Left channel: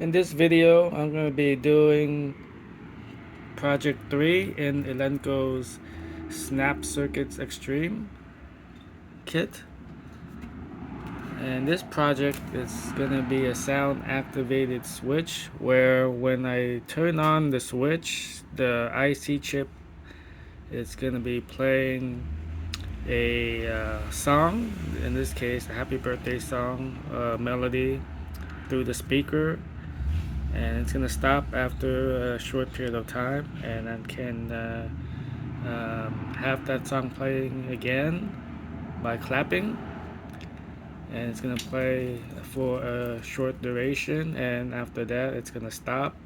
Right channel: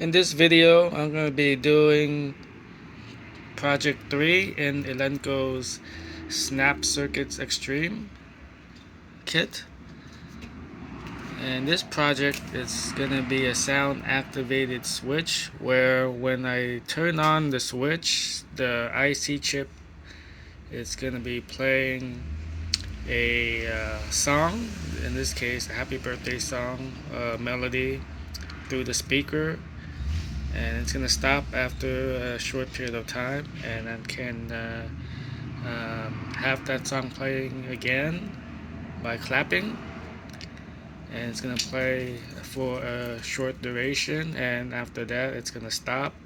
In this video, I'm going to be doing project 3 in Elenco's Snap Circuits Extreme kit. And this project is going to be a sound activated switch where when I turn on the switch, the IC chip is going to be playing a song, in this case a happy birthday song melody through the speaker, and it's gonna stop after a short period of time, and then can have that song playing again by clapping, and it's gonna play for a short duration, and after that it's gonna stop,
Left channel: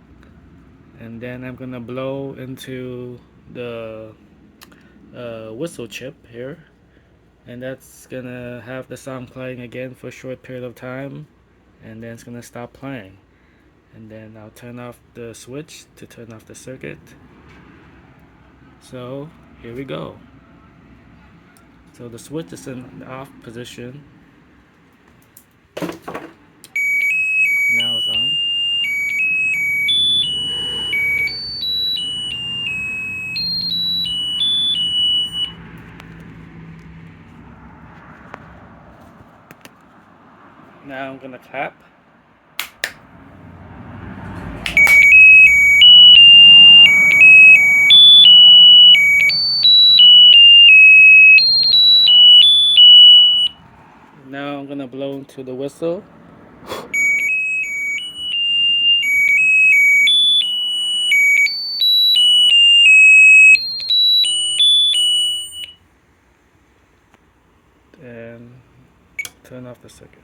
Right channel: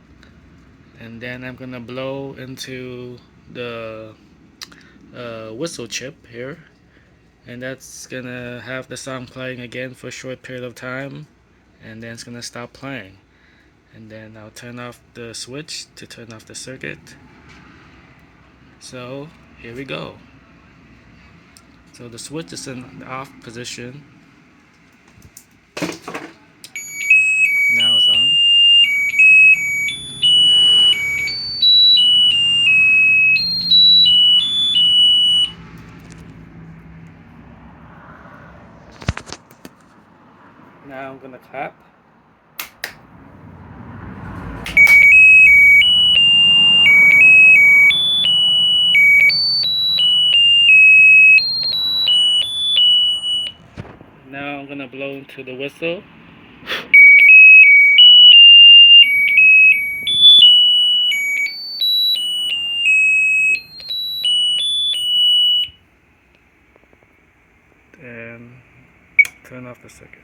and then I'm gonna blow into the whistle chip here, and that's gonna have the song playing again for a short period of time, and then it's gonna stop playing. And then I'll turn off the switch to turn off the circuit. So here we go. So the switch is in the off position. Now it's on. Now I'm gonna clap. Now I'm gonna blow into the whistle. And turn off the circuit.